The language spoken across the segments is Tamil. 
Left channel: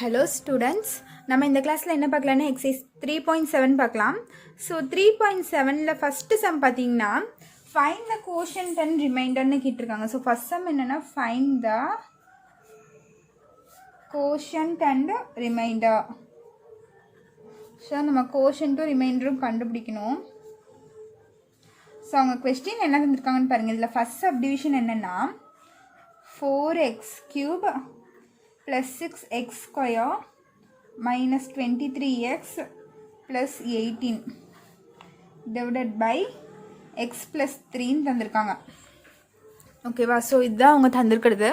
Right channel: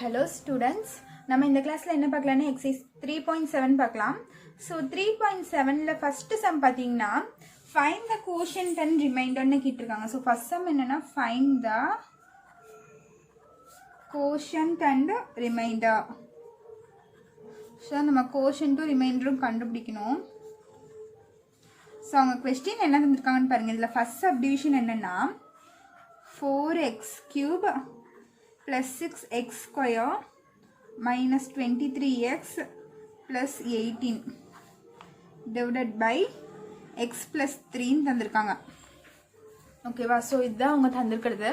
Hello students, நம்ம இந்த கிளாஸ்ல என்ன பார்க்கலாம்னா exercise 3.7 பார்க்கலாம். So 3.7ல first sum பாத்தீங்கன்னா find the quotient and remainder ன்னு கேட்டிருக்காங்க. So first sum என்னன்னா find the quotient and remainder. So நம்ம quotient remainder கண்டுபிடிக்கணும். So அவங்க question என்ன தந்திருக்காங்கன்னு பாருங்க. இதுல first subdivision என்னன்னா 4x cube plus 6x square minus 23x plus 18 divided by x plus 3 தந்திருக்காங்க. ஓகேவா? ஸோ இதுதான் அவங்க தந்திருக்கிறது.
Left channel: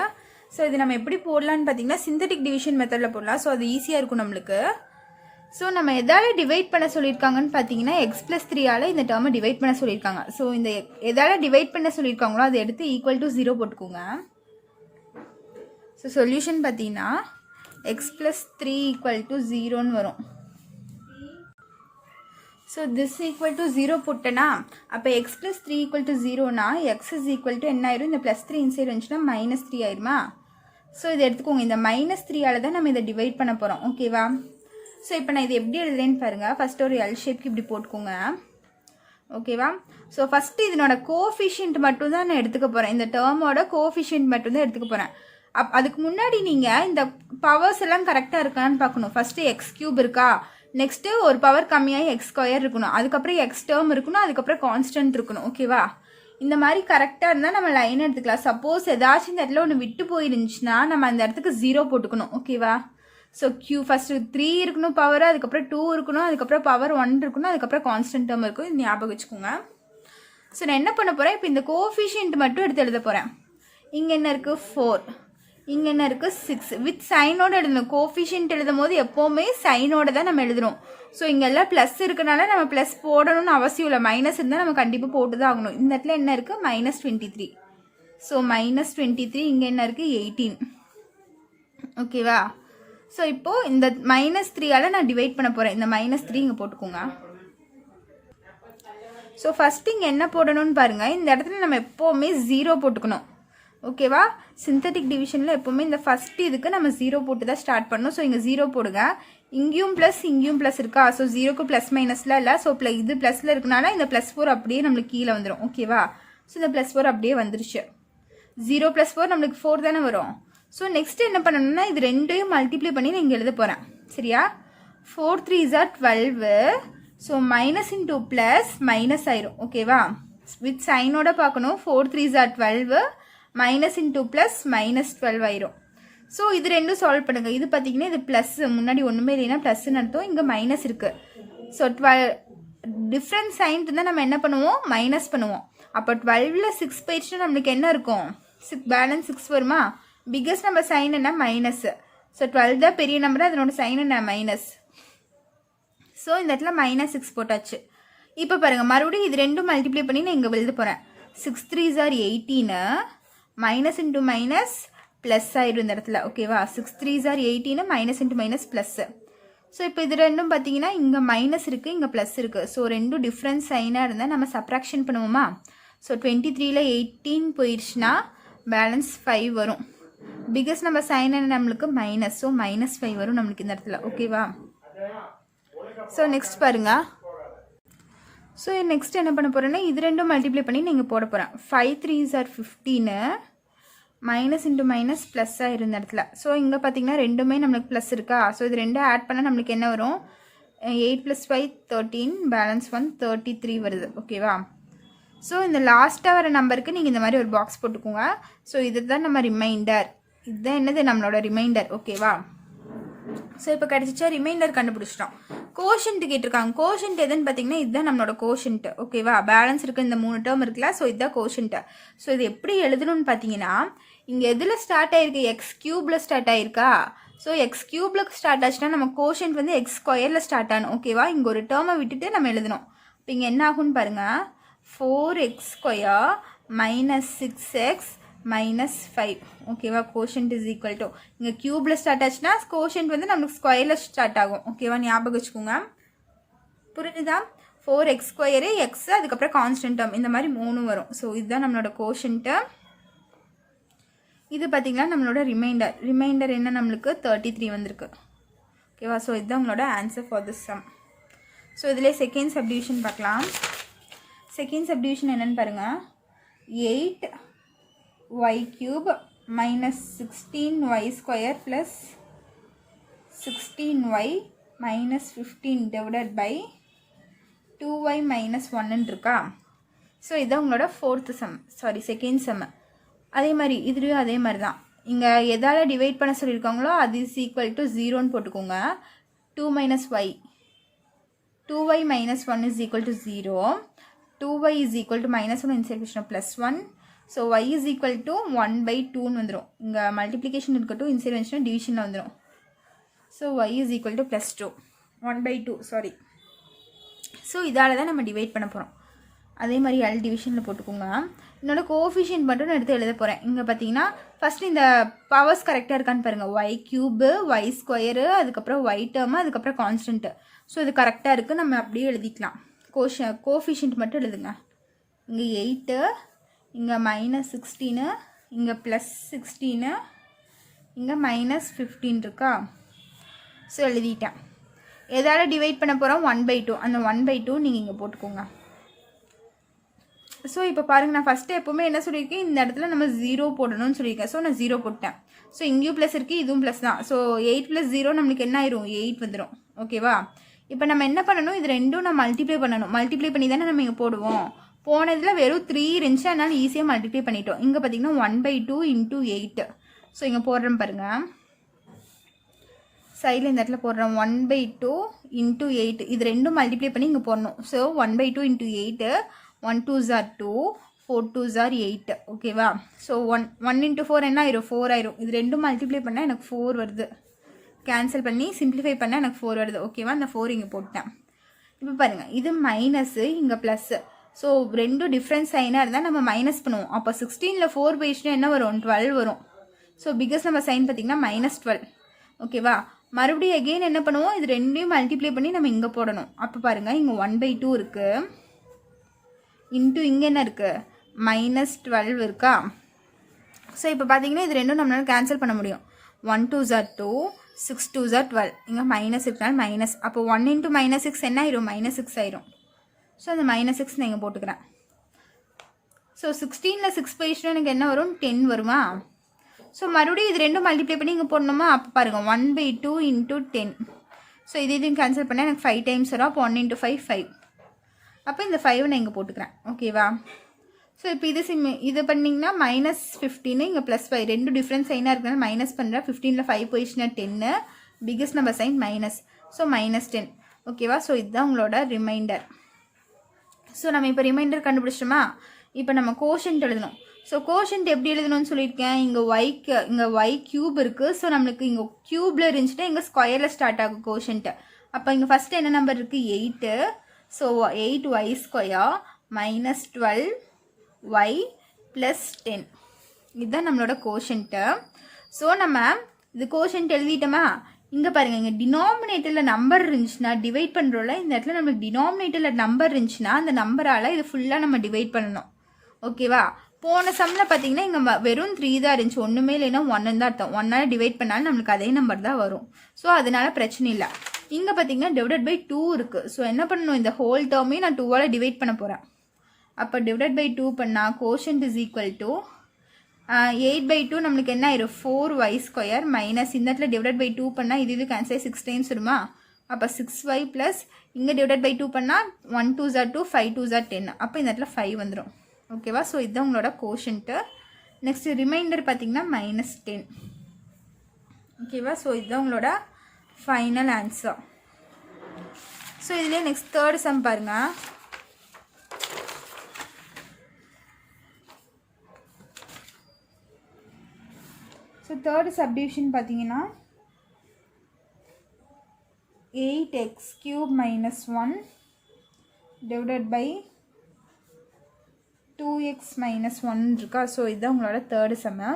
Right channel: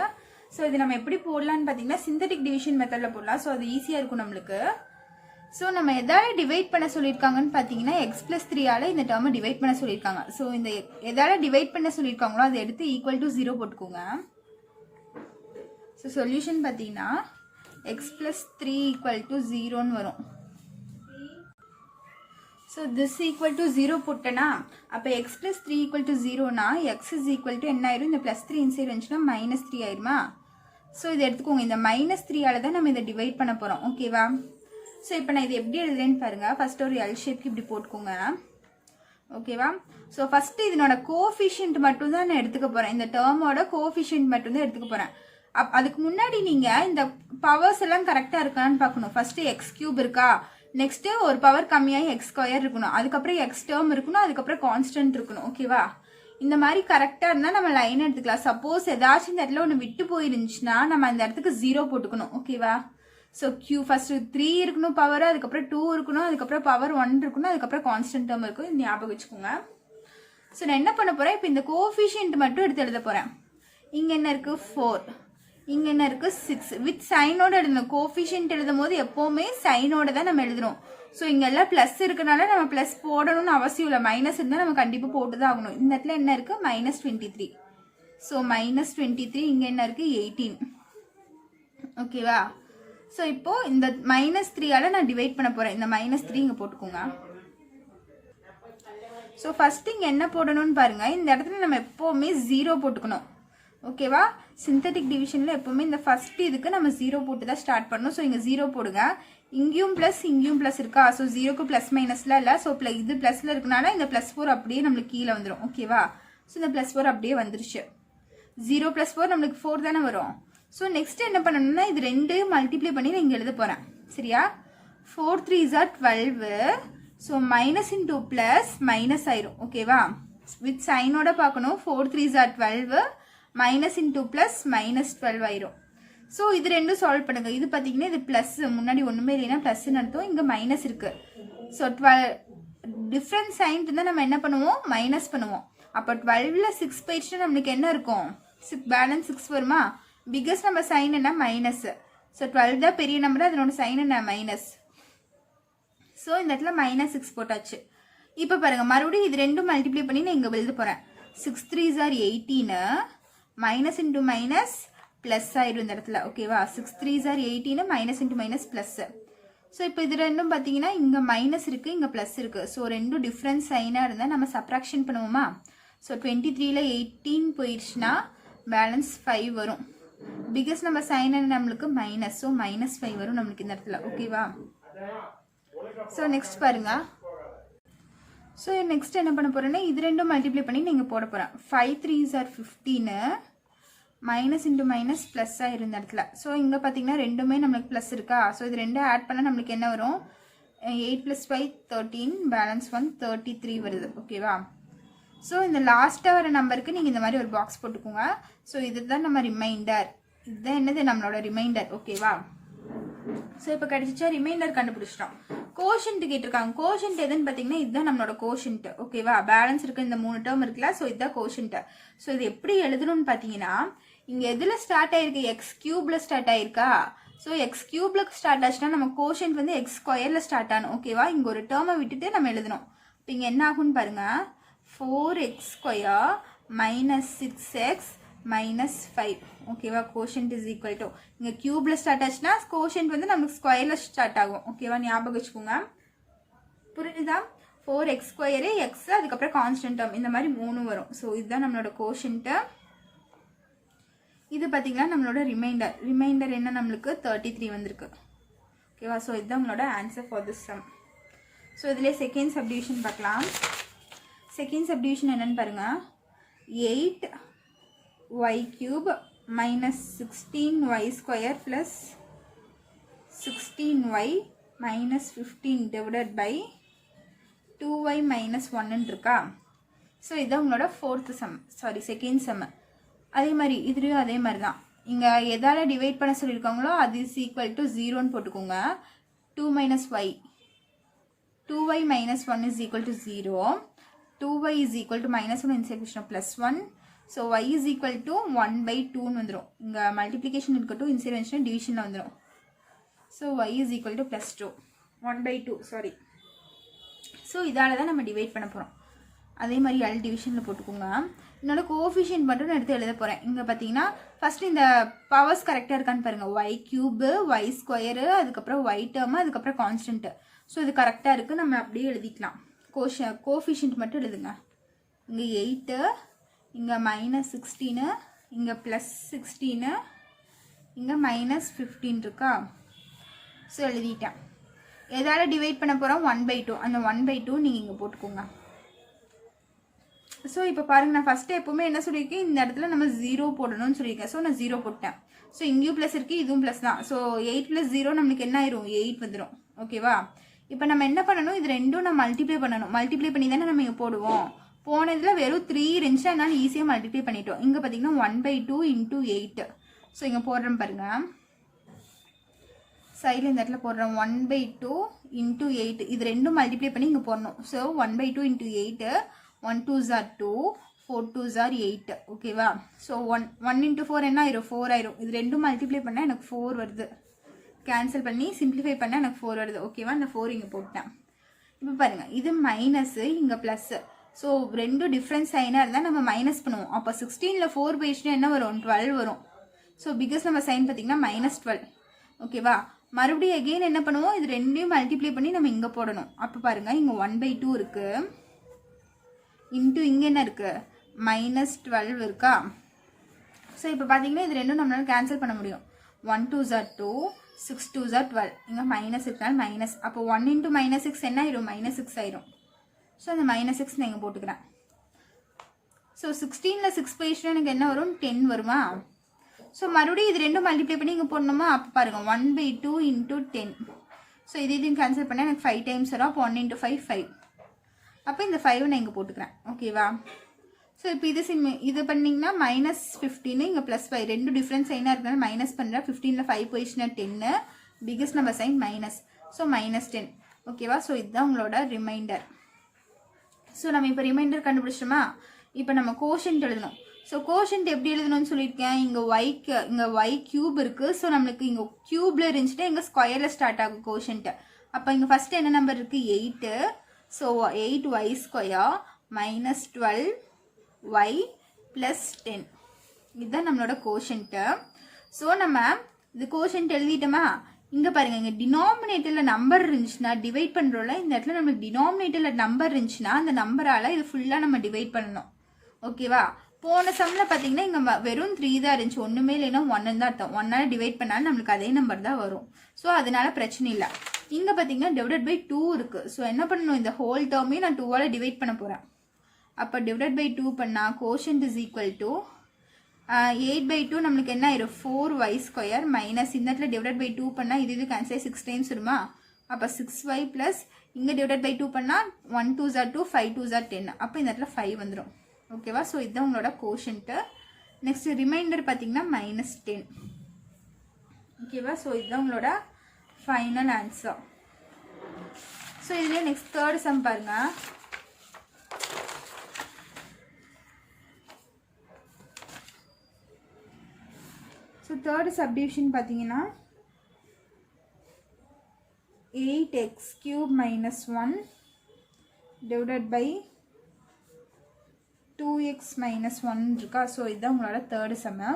ஸோ இது நம்ம எப்படி போடலான்னு பார்த்தீங்கன்னா சிந்தட்டிக் டிவிஷன் மெத்தடில் போடலாம். ஸோ அது ஈஸியாக இருக்கும் நம்மளுக்கு. ஸோ நம்ம எதால டிவைட் பண்ண சொல்லியிருக்காங்கன்னு பார்த்தீங்கன்னா எக்ஸ் ப்ளஸ் 3ஆல் இந்த டேர்மை டிவைட் பண்ண சொல்லியிருக்காங்க. ஸோ இந்த எதால டிவைட் பண்ண சொல்லியிருக்காங்களோ அதை எடுத்து ஈக்குவல் டு 0 போட்டுக்கோங்க. ஸோ சொல்யூஷன் பார்த்தீங்கன்னா எக்ஸ் ப்ளஸ் 3 ஈக்குவல் டு 0ன்னு வரும். ஸோ திஸ் ஈக்குவல் டு 0 போட்டேன்னா அப்போ எக்ஸ் ப்ளஸ் 3 ஈக்குவல் டு 0னா எக்ஸ் இஸ் ஈக்குவல் டு என்ன ஆயிரும்? இந்த ப்ளஸ் 3 இன்சைட் வந்துச்சுன்னா -3 ஆயிருமா? ஸோ இதை எடுத்துக்கோங்க. இந்த -3ஆல் தான் நம்ம இதை டிவைட் பண்ண போகிறோம். ஓகேவா? ஸோ இப்போ நான் இது எப்படி எழுதுறேன்னு பாருங்கள். ஃபஸ்ட்டு ஒரு எல் ஷேப்க்கு இப்படி போட்டுக்கோங்க. ஓகேவா? ஸோ ஃபஸ்ட்டு இதனோட கோஃபிஷியன்ட் மட்டும் தான் நான் எடுத்துக்க போகிறேன். இந்த டேர்மோட கோஃபிஷியன்ட் மட்டும் தான் எடுத்துக்க போகிறேன். அதுக்கு முன்னாடி நீங்கள் இந்த பவர்ஸ் எல்லாம் கரெக்டாக இருக்கான்னு பார்க்கணும். ஃபஸ்ட்டு எக்ஸ் கியூப் இருக்கா, நெக்ஸ்ட்டு ஒரு பவர் கம்மியாகி எக்ஸ் ஸ்கொயர் இருக்கணும், அதுக்கப்புறம் எக்ஸ் டேர்ம் இருக்கணும், அதுக்கப்புறம் கான்ஸ்டன்ட் இருக்கணும். ஓகேவா? இந்த மாதிரி கரெக்டாக இருந்தால் நம்ம லைன் எடுத்துக்கலாம். சப்போஸ் ஏதாச்சும் இந்த இடத்துல ஒன்று விட்டு போயிருந்துச்சுன்னா நம்ம அந்த இடத்துக்கு 0 போட்டுக்கணும். ஓகேவா? ஸோ கியூ ஃபஸ்ட்டு 3 இருக்கணும் பவர், அதுக்கப்புறம் 2 இருக்கணும், அதுக்கப்புறம் பவர் 1 இருக்கணும், அதுக்கப்புறம் கான்ஸ்டன்ட் டேர்ம் இருக்கும். இது ஞாபகம் வச்சுக்கோங்க. ஸோ நான் என்ன பண்ண போகிறேன், இப்போ இந்த கோஃபிஷியன்ட் மட்டும் எடுத்து எழுத போகிறேன். இங்கே என்ன இருக்குது? 4. இங்கே என்ன இருக்குது? 6. வித் சைனோட எழுதணும். கோஃபிஷியன்ட் எழுதும் போது எப்போவுமே சைனோட தான் நம்ம எழுதுறோம். ஸோ இங்கே எல்லாம் ப்ளஸ் இருக்கனால நம்ம ப்ளஸ் போடணும்னு அவசியம் இல்லை. மைனஸ் இருந்தால் நம்ம கண்டிப்பாக போட்டு தான் ஆகணும். இந்த இடத்துல என்ன இருக்குது? -23. ஸோ -23. இங்கே என்ன இருக்குது? 18. ஓகேவா? ஸோ இப்போது இந்த -3ஆல் நான் டிவைட் பண்ண போகிறேன். இந்த -3 இங்கே போட்டுக்கோங்க. ஸோ ஃபஸ்ட்டு இங்கே என்ன போடணும்னு பாருங்கள். இந்த இடத்துல நம்ம எப்போவுமே 0 போட்டுக்கணும். ஓகேவா? சிந்தட்டிக் டிவிஷனில் எப்போவுமே இந்த ஃபஸ்ட் இதுக்கு நம்ம 0 போட்டு தான் ஸ்டார்ட் பண்ணணும். ஸோ இங்கே 0 போடுங்க. இங்கேயும் +, இருக்கா? ஸோ 0க்கு ப்ளஸ் மைனஸ்லாம் இல்லை. ஸோ இது ப்ளஸில் இருக்கனால இந்த +4 அப்படியே நம்மளுக்கு கீழே வந்துடும். ஓகேவா? ஸோ இந்த +4 அப்படியே வந்துருச்சு. 0 + 4 நம்மளுக்கு 4 தானே வரும். ஸோ நெக்ஸ்ட் என்ன பண்ணணும்னா இது ரெண்டையும் மல்டிப்ளை பண்ணி நான் இங்கே எழுத போகிறேன். சரியா? 4 3s are 12. So minus into plus minus ஆயிரும். ஓகேவா? வித் சைனோட பார்க்கணும். 4 3s are 12. Minus into plus -12 ஆயிரும். ஸோ இது ரெண்டும் சால்வ் பண்ணுங்க. இது பார்த்தீங்கன்னா இது ப்ளஸ், முன்னாடி ஒன்றுமே இல்லைன்னா ப்ளஸ்ன்னு அர்த்தம். இங்கே மைனஸ் இருக்கு. ஸோ 12 டிஃப்ரெண்ட் சைன் இருந்தால் நம்ம என்ன பண்ணுவோம்? மைனஸ் பண்ணுவோம். அப்போ 12ல் 6 போயிடுச்சுன்னா நம்மளுக்கு என்ன இருக்கும்? பேலன்ஸ் 6 வருமா? பிக்கஸ்ட் நம்பர் சைன் என்ன? மைனஸ். ஸோ 12 தான் பெரிய நம்பர், அதனோட சைன் என்ன? மைனஸ். ஸோ இந்த இடத்துல -6 போட்டாச்சு. இப்போ பாருங்கள், மறுபடியும் இது ரெண்டும் மல்டிப்ளை பண்ணி நான் இங்கே எழுத போகிறேன். 6 3s are 18. Minus into minus plus ஆயிடும் இந்த இடத்துல. ஓகேவா? 6 3s are 18. Minus into minus plus. So இப்போ இது ரெண்டும் பார்த்தீங்கன்னா இங்கே மைனஸ் இருக்குது, இங்கே ப்ளஸ் இருக்குது. ஸோ ரெண்டும் டிஃப்ரெண்ட் சைனாக இருந்தால் நம்ம சப்ராக்ஷன் பண்ணுவோமா? ஸோ 23ல் 18 போயிடுச்சுன்னா பேலன்ஸ் 5 வரும். பிகஸ்ட் நம்ம சைன் நம்மளுக்கு மைனஸ். ஸோ -5 வரும் நம்மளுக்கு இந்த இடத்துல. ஓகேவா? ஸோ நெக்ஸ்ட் பாருங்க. ஸோ நெக்ஸ்ட் என்ன பண்ண போகிறேன்னா இது ரெண்டும் மல்டிப்ளை பண்ணி நீங்கள் போட போகிறேன். 5 3s are 15. Minus into minus plus ஆயிரும் இந்த இடத்துல. ஸோ இங்கே பார்த்தீங்கன்னா ரெண்டுமே நம்மளுக்கு ப்ளஸ் இருக்கா? ஸோ இது ரெண்டும் ஆட் பண்ணால் நம்மளுக்கு என்ன வரும்? 8 + 5 13. பேலன்ஸ் 1 33 வருது. ஓகேவா? ஸோ இந்த லாஸ்ட்டாக வர நம்பருக்கு நீங்கள் இந்த மாதிரி ஒரு பாக்ஸ் போட்டுக்கோங்க. ஸோ இதுதான் நம்ம ரிமைண்டர். இதுதான் என்னது? நம்மளோட ரிமைண்டர். ஓகேவா? ஸோ இப்போ கிடச்சிச்சா? ரிமைண்டர் கண்டுபிடிச்சிட்டோம். கோஷன்ட் கேட்டிருக்காங்க. கோஷன்ட் எதுன்னு பார்த்தீங்கன்னா இதுதான் நம்மளோட கோஷன்ட். ஓகேவா? பேலன்ஸ் இருக்குது, இந்த 3 டேர்ம் இருக்குல்ல. ஸோ இதுதான் கோஷன்ட். ஸோ இது எப்படி எழுதணும்னு பார்த்தீங்கன்னா இங்கே எதில் ஸ்டார்ட் ஆயிருக்கு? எக்ஸ் கியூப்ல ஸ்டார்ட் ஆயிருக்கா? ஸோ எக்ஸ் கியூப்ல ஸ்டார்ட் ஆச்சுன்னா நம்ம கோஷன்ட் வந்து எக்ஸ் ஸ்கொயரில் ஸ்டார்ட் ஆகணும். ஓகேவா? இங்கே ஒரு டேர்மை விட்டுட்டு நம்ம எழுதணும். இப்போ இங்கே என்ன ஆகும்னு பாருங்க. 4x square -6x -5. ஓகேவா? கோஷன்ட் இஸ் ஈக்குவல் டு இங்கே கியூப்ல ஸ்டார்ட் ஆச்சுன்னா கோஷன்ட் வந்து நமக்கு ஸ்கொயரில் ஸ்டார்ட் ஆகும். ஓகேவா? ஞாபகம் வச்சுக்கோங்க. புரிஞ்சுதா? 4x ஸ்கொயரு எக்ஸ், அதுக்கப்புறம் கான்ஸ்டன்ட் டேர்ம், இந்த மாதிரி 3 வரும். ஸோ இதுதான் நம்மளோட கோஷன்ட்டு. இது பார்த்தீங்கன்னா நம்மளோட ரிமைண்டர் என்ன? நம்மளுக்கு 33 வந்திருக்கு. ஓகேவா? ஸோ இதுதான் உங்களோட answer for this sum. So இதிலே செகண்ட் சப்டிவிஷன் பார்க்கலாம். செகண்ட் சப்டிவிஷன் என்னென்னு பாருங்கள். 8y³ minus 16y² plus 16y minus 15 divided by 2y minus 1 இருக்கா? ஸோ இதுதான் உங்களோட செகண்ட் சம். அதே மாதிரி இதுலேயும் அதே மாதிரி தான். இங்கே எதால் டிவைட் பண்ண சொல்லியிருக்காங்களோ அது இஸ் ஈக்குவல் டு 0ன்னு போட்டுக்கோங்க. 2 minus y 2y minus 1 is equal to 0. 2y is equal to minus 1 inside question plus 1. So y is equal to 1/2ன்னு வந்துடும். இங்கே மல்டிப்ளிகேஷன் இருக்கட்டும், இன்சைட் வந்துச்சுன்னா டிவிஷனில் வந்துடும். So y is equal to plus 2 1/2 sorry. So இதால் தான் நம்ம டிவைட் பண்ண போகிறோம். அதே மாதிரி எல் டிவிஷனில் போட்டுக்கோங்க. என்னோட கோஃபிஷியன்ட் மட்டும் நான் எடுத்து எழுத போகிறேன். இங்கே பார்த்தீங்கன்னா ஃபஸ்ட்டு இந்த பவர்ஸ் கரெக்டாக இருக்கான்னு பாருங்கள். y³ y², அதுக்கப்புறம் y டேர்மு, அதுக்கப்புறம் கான்ஸ்டன்ட்டு. ஸோ இது கரெக்டாக இருக்குது. நம்ம அப்படியே எழுதிக்கலாம். கோஃபிஷியன்ட் மட்டும் எழுதுங்க. இங்கே 8, இங்கே -16, இங்கே +16, இங்கே -15 இருக்கா? ஸோ எழுதிட்டேன். எதால் டிவைட் பண்ண போகிறோம்? 1/2. அந்த 1/2 நீங்கள் இங்கே போட்டுக்கோங்க. ஸோ இப்போ பாருங்கள், நான் ஃபஸ்ட்டு எப்போவுமே என்ன சொல்லியிருக்கேன், இந்த இடத்துல நம்ம 0 போடணும்னு சொல்லியிருக்கேன். ஸோ நான் 0 போட்டேன். ஸோ இங்கேயும் ப்ளஸ் இருக்குது, இதுவும் ப்ளஸ் தான். ஸோ 8 + 0 நம்மளுக்கு என்ன ஆயிரும்? 8 வந்துடும். ஓகேவா? இப்போ நம்ம என்ன பண்ணணும், இது ரெண்டும் நம்ம மல்டிப்ளை பண்ணணும். மல்டிப்ளை பண்ணி தானே நம்ம இங்கே போடுவோம். போனதில் வெறும் 3 இருந்துச்சு, அதனால் ஈஸியாக மல்டிப்ளை பண்ணிட்டோம். இங்கே பார்த்தீங்கன்னா 1/2 × 8. ஸோ இங்கே போடுறோம் பாருங்கள், சைடில் இந்த இடத்துல போடுறோம். 1/2 × 8 இது ரெண்டும் மல்டிப்ளை பண்ணி இங்கே போடணும். So 1/2 × 8 1 2s are 2 4 2s are 8. ஓகேவா? ஸோ 1 × 4 என்ன ஆயிரும்? 4 ஆயிரும். இது ரெண்டும் மல்டிப்ளை பண்ணால் எனக்கு 4 வருது. கேன்சல் பண்ணி சிம்பிளிஃபை பண்ணால் எனக்கு 4 வருது. ஓகேவா? அந்த 4 இங்கே போட்டேன். இப்போ பாருங்கள், இது மைனஸு, இங்கே ப்ளஸ்ஸு. ஸோ ரெண்டும் டிஃப்ரென்ஸ் சைனாக இருந்தால் நம்ம மைனஸ் பண்ணுவோம். அப்போ 16ல் 4 போயிடுச்சுன்னா என்ன வரும்? 12 வரும். ஸோ பிகஸ்ட் நம்ம சைன் பார்த்திங்கன்னா -12. ஓகேவா? மறுபடியும் அகெயின் என்ன பண்ணுவோம், இது ரெண்டையும் மல்டிப்ளை பண்ணி நம்ம இங்கே போடணும். அப்போ பாருங்கள், இங்கே 1/2 இருக்குது, இன்ட்டு இங்கே என்ன இருக்குது? -12 இருக்கா? ஸோ இப்போ பார்த்தீங்கன்னா இது ரெண்டும் நம்மளால் கேன்சல் பண்ண முடியும். 1 2s are 2 6 2s are 12. இங்கே மைனஸ் இருக்கனால மைனஸ். அப்போ 1 × -6 என்ன ஆயிரும்? -6 ஆயிரும். ஸோ அந்த -6 நான் இங்கே போட்டுக்கிறேன். ஸோ 16ல் 6 போயிடுச்சுன்னா எனக்கு என்ன வரும்? 10 வருமா? ஸோ மறுபடியும் இது ரெண்டும் மல்டிப்ளை பண்ணி இங்கே போடணுமா? அப்போ பாருங்கள், 1/2 × 10. ஸோ இதையும் கேன்சல் பண்ணால் எனக்கு 5 டைம்ஸ் வரும். அப்போ 1 × 5 5. அப்போ இந்த 5 நான் இங்கே போட்டுக்கிறேன். ஓகேவா? ஸோ இப்போ இது பண்ணிங்கன்னா -15, இங்கே +5 ரெண்டும் டிஃப்ரென்ஸ் சைனாக இருக்கனால மைனஸ் பண்ணுறேன். 15ல் 5 போயிடுச்சுன்னா 10, பிகஸ்ட் நம்ம சைன் மைனஸ். ஸோ -10. ஓகேவா? ஸோ இதுதான் உங்களோட ரிமைண்டர். ஸோ நம்ம இப்போ ரிமைண்டர் கண்டுபிடிச்சோமா? இப்போ நம்ம கோஷன்ட் எழுதணும். ஸோ கோஷன்ட் எப்படி எழுதணும்னு சொல்லியிருக்கேன். இங்கே y³ இருக்குது. ஸோ நம்மளுக்கு இங்கே க்யூபில் இருந்துச்சுன்னா இங்கே ஸ்கொயரில் ஸ்டார்ட் ஆகும் கோஷன்ட்டு. அப்போ இங்கே ஃபஸ்ட்டு என்ன நம்பர் இருக்குது? 8. So 8y² minus 12y plus 10. இதுதான் நம்மளோட கோஷன்ட்டு. ஸோ நம்ம இது கோஷன்ட் எழுதிட்டோமா? இங்கே பாருங்கள், இங்கே டினாமினேட்டரில் நம்பர் இருந்துச்சுன்னா டிவைட் பண்ணுறோம்ல, இந்த இடத்துல நம்மளுக்கு டினாமினேட்டரில் நம்பர் இருந்துச்சுன்னா அந்த நம்பரால் இது ஃபுல்லாக நம்ம டிவைட் பண்ணணும். ஓகேவா? போன சம்மில் பார்த்தீங்கன்னா இங்கே வெறும் 3 தான் இருந்துச்சு, ஒன்றுமே இல்லைன்னா 1 தான் அர்த்தம். 1ஆல் டிவைட் பண்ணாலும் நம்மளுக்கு அதே நம்பர் தான் வரும். ஸோ அதனால பிரச்சனை இல்லை. இங்கே பார்த்தீங்கன்னா /2 இருக்குது. ஸோ என்ன பண்ணணும், இந்த ஹோல் டேர்மே நான் 2ஆல் டிவைட் பண்ண போகிறேன். அப்போ /2 பண்ணால் கோஷன்ட் இஸ் ஈக்குவல் டு 8/2 நம்மளுக்கு என்ன ஆயிரும்? 4y² மைனஸ் இந்த இடத்துல /2 பண்ணால் இது கேன்சல் 6 டைம்ஸ் வருமா? அப்போ 6y ப்ளஸ் இங்கே /2 பண்ணால் 1 2s are 2 5 2s are 10. அப்போ இந்த இடத்துல 5 வந்துடும். ஓகேவா? ஸோ இதுதான் உங்களோட கோஷன்ட்டு. நெக்ஸ்ட் ரிமைண்டர் பார்த்தீங்கன்னா -10. ஓகேவா? ஸோ இதுதான் உங்களோட ஃபைனல் ஆன்சர். ஸோ இதுலேயே நெக்ஸ்ட் தேர்ட் சம் பாருங்கள். ஸோ தேர்ட் சப்டிவிஷன் பார்த்தீங்கன்னா 8x³ - 1 டிவைடட் பை 2x - 1 இருக்கா? ஸோ இதுதான் உங்களோட தேர்டு சம்மு.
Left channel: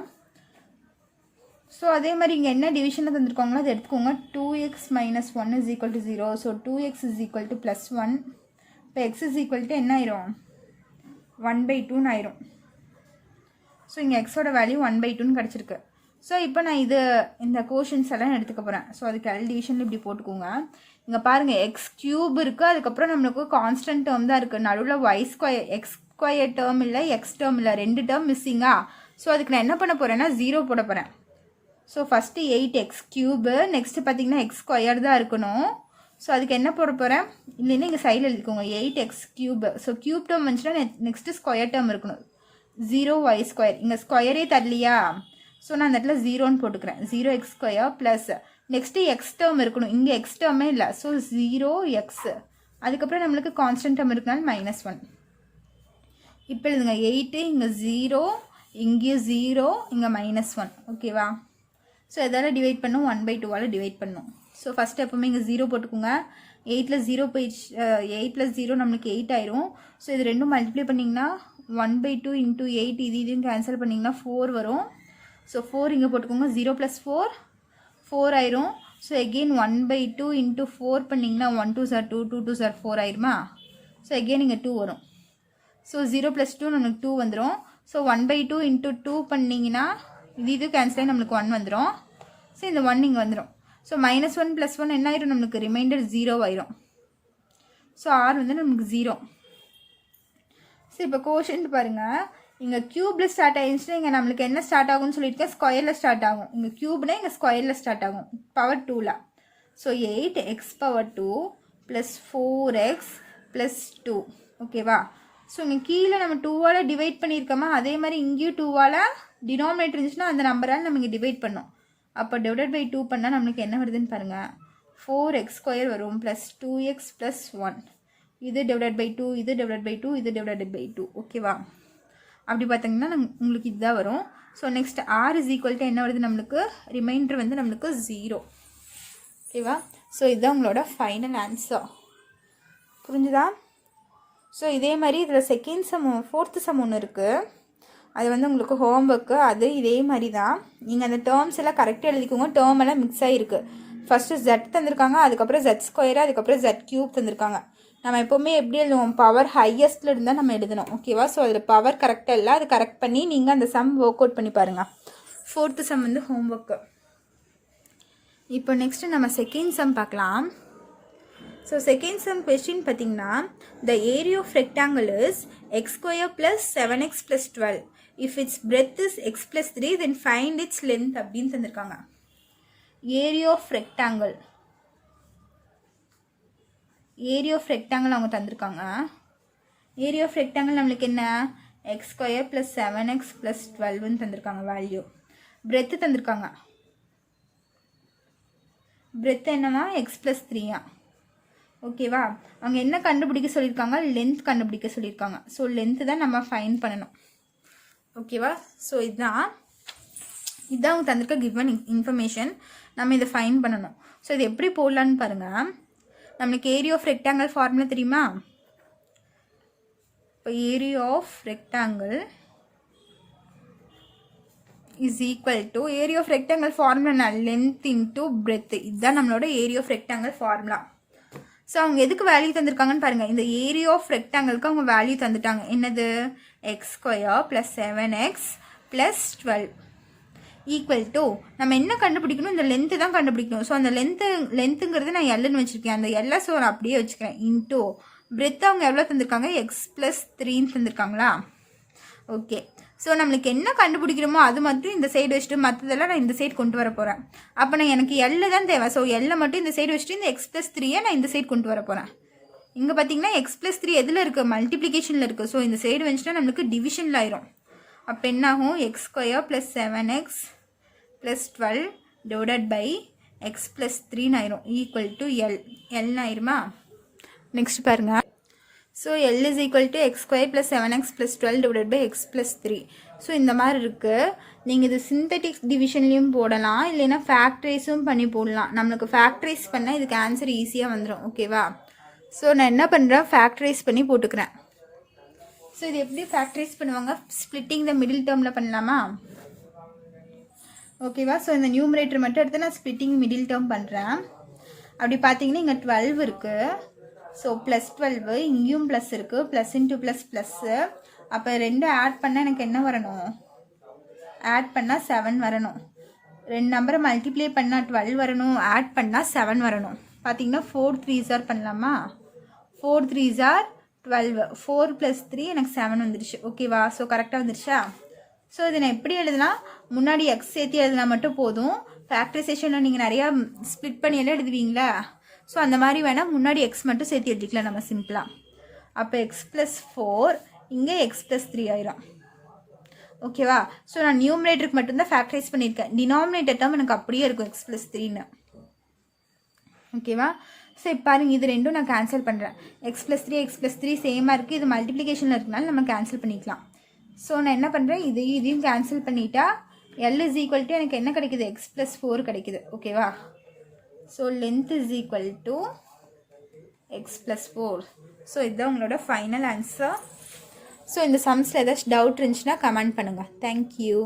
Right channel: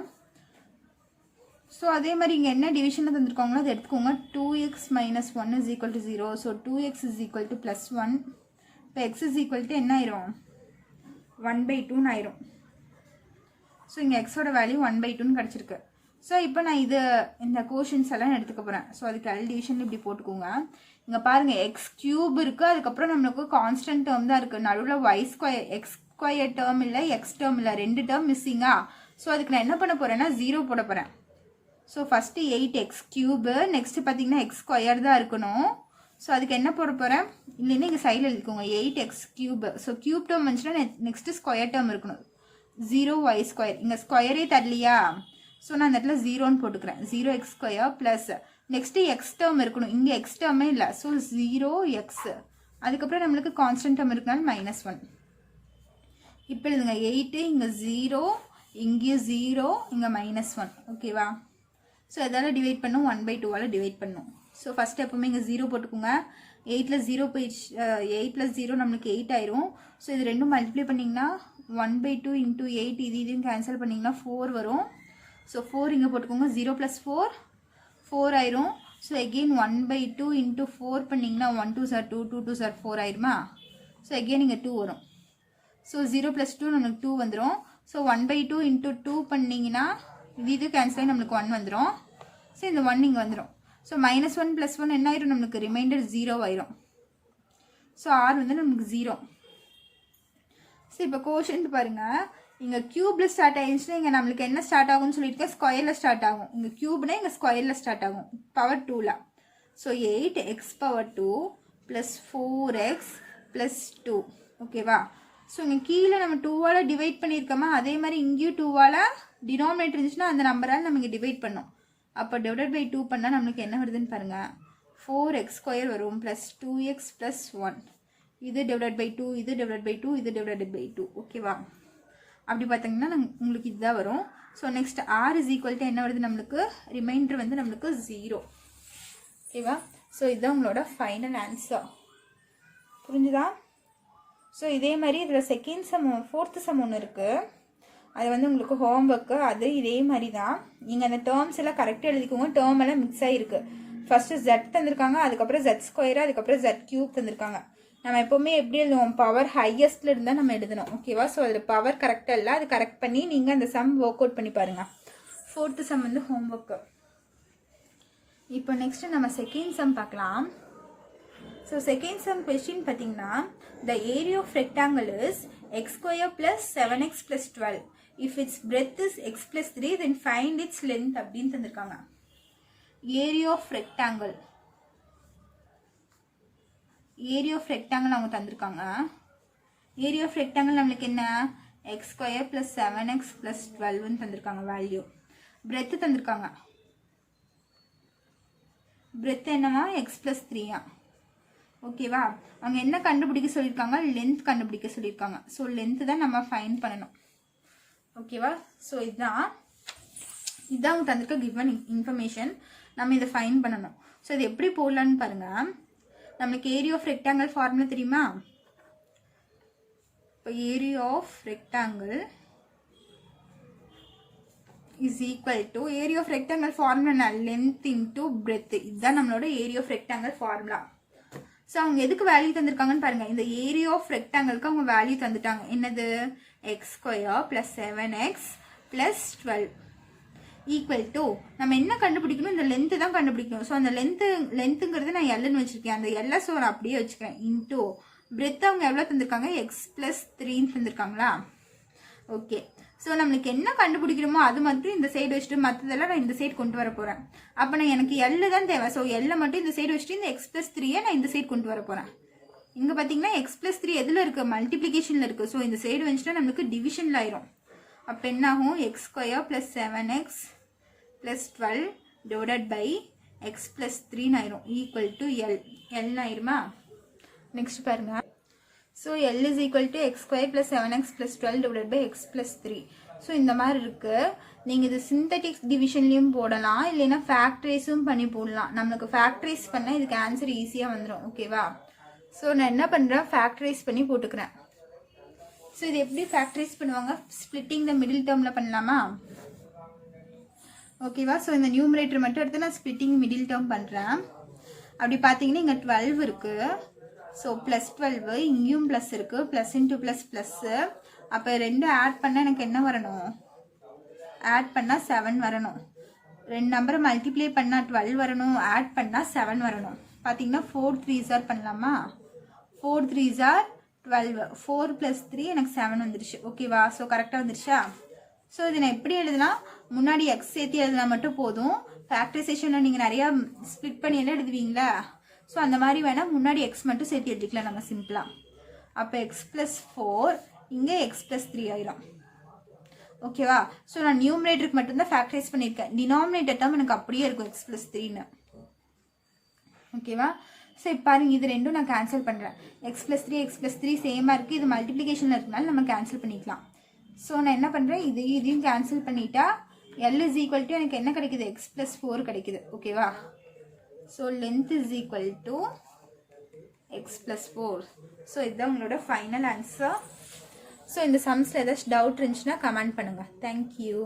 ஸோ அதே மாதிரி இங்கே என்ன டிவிஷனில் தந்துருக்காங்களோ அதை எடுத்துக்கோங்க. 2x - 1 is equal to 0. So 2x is equal to +1. இப்போ x is equal to என்ன ஆயிரும்? 1/2 ஆயிரும். ஸோ இங்கே எக்ஸோட வேல்யூ 1/2 கிடச்சிருக்கு. ஸோ இப்போ நான் இந்த கோஷன்ஸ் எல்லாம் எடுத்துக்க போகிறேன். ஸோ அதுக்கு எல் டிவிஷன் இப்படி போட்டுக்கோங்க. இங்கே பாருங்கள் எக்ஸ் கியூப் இருக்குது, அதுக்கப்புறம் நம்மளுக்கு கான்ஸ்டன்ட் டேர்ம் தான் இருக்குது, நடுவில் y square x square term இல்லை, எக்ஸ் டேர்ம் இல்லை, 2 டேர்ம் மிஸ்ஸிங்கா. ஸோ அதுக்கு நான் என்ன பண்ண போகிறேன்னா 0 போட போகிறேன். So first 8x cube, next பார்த்தீங்கன்னா எக்ஸ் ஸ்கொயர் தான் இருக்கணும். ஸோ அதுக்கு என்ன போட போகிறேன், இல்லைன்னா இங்கே சைடில் எழுதிக்கோங்க 8x cube. So cube term வந்துச்சுன்னா நெக்ஸ்ட்டு ஸ்கொயர் டேர்ம் இருக்கணும், 0y ஸ்கொயர். இங்கே ஸ்கொயரே தரலையா, ஸோ நான் அந்த இடத்துல 0ன்னு போட்டுக்கிறேன். 0x square plus next X term இருக்கணும், இங்கே எக்ஸ் டேர்மே இல்லை. ஸோ 0x, அதுக்கப்புறம் நம்மளுக்கு கான்ஸ்டன்ட் டேர்ம் இருக்கனால -1. இப்போ எழுதுங்க 8, இங்கே 0, இங்கேயும் 0, இங்கே -1. ஓகேவா. ஸோ எதால் டிவைட் பண்ணும், 1/2 டிவைட் பண்ணும். ஸோ ஃபஸ்ட்டு எப்போவுமே இங்கே 0 போட்டுக்கோங்க. 8ல் 0 போயிடுச்சு, 8 + 0 நம்மளுக்கு 8 ஆயிரும். ஸோ இது ரெண்டும் மல்டிப்ளை பண்ணிங்கன்னா 1/2 × 8, இதையும் கேன்சல் பண்ணிங்கன்னா 4 வரும். ஸோ 4 இங்கே போட்டுக்கோங்க, 0 + 4 4 ஆயிரும். ஸோ எகெயின் 1/2 × 4 பண்ணிங்கன்னா 1 2 = 2, 2 2 = 4 ஆயிருமா. ஸோ எகெயின் இங்கே 2 வரும். ஸோ 0 + 2 நம்மளுக்கு 2 வந்துடும். ஸோ 1/2 × 2 பண்ணிங்கன்னா இது கேன்சல் ஆகி நம்மளுக்கு 1 வந்துடும். ஸோ இந்த 1 இங்கே வந்துடும். ஸோ -1 + 1 என்ன ஆயிரும், நம்மளுக்கு ரிமைண்டர் 0 ஆயிரும். ஸோ R வந்து நமக்கு 0. ஸோ இப்போ கோஷன்ட் பாருங்கள், இங்கே க்யூப்பில் ஸ்டார்ட் ஆகிடுச்சுன்னா இங்கே நம்மளுக்கு என்ன ஸ்டார்ட் ஆகும்னு சொல்லியிருக்கேன், ஸ்கொயரில் ஸ்டார்ட் ஆகும். இங்கே க்யூப்னா இங்கே ஸ்கொயரில் ஸ்டார்ட் ஆகும், பவர் 2ல். So 8x⁻2 + 4x + 2. ஓகேவா. ஸோ இங்கே கீழே நம்ம 2ஆல் டிவைட் பண்ணியிருக்கோமா, அதே மாதிரி இங்கேயும் 2ஆல் டினாமினேட்டர் இருந்துச்சுன்னா அந்த நம்பரால் நம்ம இங்கே டிவைட் பண்ணோம். அப்போ /2 பண்ணால் நம்மளுக்கு என்ன வருதுன்னு பாருங்கள், 4x² வரும் ப்ளஸ் 2x + 1. இது /2, இது /2, இது /2. ஓகேவா. அப்படி பார்த்தீங்கன்னா உங்களுக்கு இதுதான் வரும். ஸோ நெக்ஸ்ட் R = என்ன வருது நம்மளுக்கு, ரிமைண்டர் வந்து நம்மளுக்கு 0. ஓகேவா. ஸோ இதுதான் உங்களோட ஃபைனல் ஆன்சர். புரிஞ்சுதா. ஸோ இதே மாதிரி இதில் செகண்ட் சம், 4th சம் ஒன்று இருக்குது, அது வந்து உங்களுக்கு ஹோம்ஒர்க்கு. அது இதே மாதிரி தான், நீங்கள் அந்த டேர்ம்ஸ் எல்லாம் கரெக்டாக எழுதிக்கோங்க. டேர்ம் எல்லாம் மிக்ஸ் ஆகிருக்கு. ஃபஸ்ட்டு Z தந்திருக்காங்க, அதுக்கப்புறம் Z², அதுக்கப்புறம் Z³ தந்திருக்காங்க. நம்ம எப்போவுமே எப்படி எழுதுவோம், பவர் ஹையஸ்ட்டில் இருந்தால் நம்ம எழுதணும். ஓகேவா. ஸோ அதில் பவர் கரெக்டாக இல்லை, அது கரெக்ட் பண்ணி நீங்கள் அந்த சம் ஒர்க் அவுட் பண்ணி பாருங்கள். 4th சம் வந்து ஹோம்ஒர்க்கு. இப்போ நெக்ஸ்ட்டு நம்ம செகண்ட் சம் பார்க்கலாம். ஸோ செகண்ட் சம் கொஸ்டின் பார்த்தீங்கன்னா, the area of rectangle is x² + 7x + 12. If its breadth is x + 3, then find its length அப்படின்னு தந்திருக்காங்க. Area of rectangle, area of rectangle அவங்க தந்திருக்காங்க. ஏரியா ஆஃப் ரெக்டாங்கிள் நம்மளுக்கு என்ன, x² + 7x + 12ன்னு தந்திருக்காங்க வேல்யூ. பிரெத்து தந்திருக்காங்க, பிரெத்து என்னவா, x + 3. ஓகேவா. அவங்க என்ன கண்டுபிடிக்க சொல்லியிருக்காங்க, லென்த் கண்டுபிடிக்க சொல்லியிருக்காங்க. ஸோ லென்த்து தான் நம்ம ஃபைன் பண்ணணும். ஓகேவா. ஸோ இதுதான் அவங்க தந்திருக்க கிவன் இன்ஃபர்மேஷன். நம்ம இதை ஃபைன் பண்ணணும். ஸோ இது எப்படி போடலான்னு பாருங்கள். நம்மளுக்கு ஏரியா ஆஃப் ரெக்டாங்கிள் ஃபார்முலா தெரியுமா. இப்போ area of rectangle is equal to, area of rectangle formula length into breadth. இதுதான் நம்மளோட area of rectangle formula. So அவங்க எதுக்கு வேல்யூ தந்திருக்காங்கன்னு பாருங்கள். இந்த ஏரியா ஆஃப் ரெக்டாங்கிளுக்கு அவங்க வேல்யூ தந்துட்டாங்க. என்னது, x² + 7x + 12 ஈக்குவல் டு, நம்ம என்ன கண்டுபிடிக்கணும், இந்த லென்த்து தான் கண்டுபிடிக்கணும். ஸோ அந்த லென்த்துங்கிறது நான் எல்லுன்னு வச்சுருக்கேன், அந்த எல்லை ஸோ நான் அப்படியே வச்சுக்கிறேன். இன்டூ பிரெத் அவங்க எவ்வளோ தந்திருக்காங்க, x + 3ன்னு தந்திருக்காங்களா. ஓகே. ஸோ நம்மளுக்கு என்ன கண்டுபிடிக்கிறோமோ அது மட்டும் இந்த சைடு வச்சுட்டு மற்றதெல்லாம் நான் இந்த சைடு கொண்டு வர போகிறேன். அப்போ நான் எனக்கு எல்லு தான் தேவை. ஸோ எல்லை மட்டும் இந்த சைடு வச்சுட்டு இந்த x + 3 நான் இந்த சைடு கொண்டு வர போகிறேன். இங்கே பார்த்தீங்கன்னா x + 3 எதில் இருக்குது, மல்டிப்ளிகேஷனில் இருக்குது. ஸோ இந்த சைடு வந்துச்சுன்னா நம்மளுக்கு டிவிஷனில் ஆயிரும். அப்போ என்னாகும், x² + 7x + 12 / x + 3 ஆயிரும், ஈக்குவல் டு எல் ஆயிருமா. நெக்ஸ்ட் பாருங்கள். So L is equal to x² + 7x + 12 / x + 3. So இந்த மாதிரி இருக்குது. நீங்கள் இது சிந்தட்டிக் டிவிஷன்லேயும் போடலாம், இல்லைன்னா ஃபேக்டரைஸும் பண்ணி போடலாம். நம்மளுக்கு ஃபேக்டரைஸ் பண்ணால் இதுக்கு ஆன்சர் ஈஸியாக வந்துடும். ஓகேவா. ஸோ நான் என்ன பண்ணுறேன், ஃபேக்டரைஸ் பண்ணி போட்டுக்கிறேன். ஸோ இது எப்படி ஃபேக்டரைஸ் பண்ணுவாங்க, ஸ்ப்ளிட்டிங் த மிடில் டேர்மில் பண்ணலாமா. ஓகேவா. ஸோ இந்த நியூமரேட்டர் மட்டும் எடுத்து நான் ஸ்ப்ளிட்டிங் மிடில் டேர்ம் பண்ணுறேன். அப்படி பார்த்தீங்கன்னா இங்கே 12 இருக்குது. ஸோ +12, இங்கேயும் ப்ளஸ் இருக்குது, ப்ளஸ் இன்ட்டு ப்ளஸ் ப்ளஸ்ஸு. அப்போ 2 ஆட் பண்ணால் எனக்கு என்ன வரணும், ஆட் பண்ணால் 7 வரணும். 2 நம்பரை மல்டிப்ளை பண்ணால் 12 வரணும், ஆட் பண்ணால் 7 வரணும். பார்த்தீங்கன்னா 4 3s பண்ணலாமா? 4 3s 12, 4 + 3 எனக்கு 7 வந்துருச்சு. ஓகேவா? ஸோ கரெக்டாக வந்துருச்சா? ஸோ இதை நான் எப்படி எழுதுனா, முன்னாடி எக்ஸ் சேர்த்து எழுதுனா மட்டும் போதும். ஃபேக்டரைசேஷனில் நீங்கள் நிறையா ஸ்ப்ளிட் பண்ணி எல்லாம் எழுதுவீங்களா? ஸோ அந்த மாதிரி வேணால் முன்னாடி எக்ஸ் மட்டும் சேர்த்து எழுதிக்கலாம் நம்ம சிம்பிளாக. அப்போ எக்ஸ் + 4 இங்கே எக்ஸ் + 3 ஆயிரும். ஓகேவா? ஸோ நான் நியூமரேட்டருக்கு மட்டும்தான் ஃபேக்டரைஸ் பண்ணியிருக்கேன். டினாமினேட்டர் டேர்ம் எனக்கு அப்படியே இருக்கும் எக்ஸ் + 3ன்னு. ஓகேவா? ஸோ இப்போ பாருங்க, இது ரெண்டும் நான் கேன்சல் பண்ணுறேன். எக்ஸ் + 3 எக்ஸ் + 3 சேமாக இருக்குது. இது மல்டிப்ளிகேஷனில் இருக்கனால நம்ம கேன்சல் பண்ணிக்கலாம். ஸோ நான் என்ன பண்ணுறேன், இதையும் கேன்சல் பண்ணிட்டா L = எனக்கு என்ன கிடைக்குது? எக்ஸ் + 4 கிடைக்குது. ஓகேவா? So length = X + 4. ஸோ இதுதான் உங்களோட ஃபைனல் ஆன்சர். ஸோ இந்த சம்ஸில் ஏதாச்சும் டவுட் இருந்துச்சுன்னா கமெண்ட் பண்ணுங்கள். தேங்க்யூ.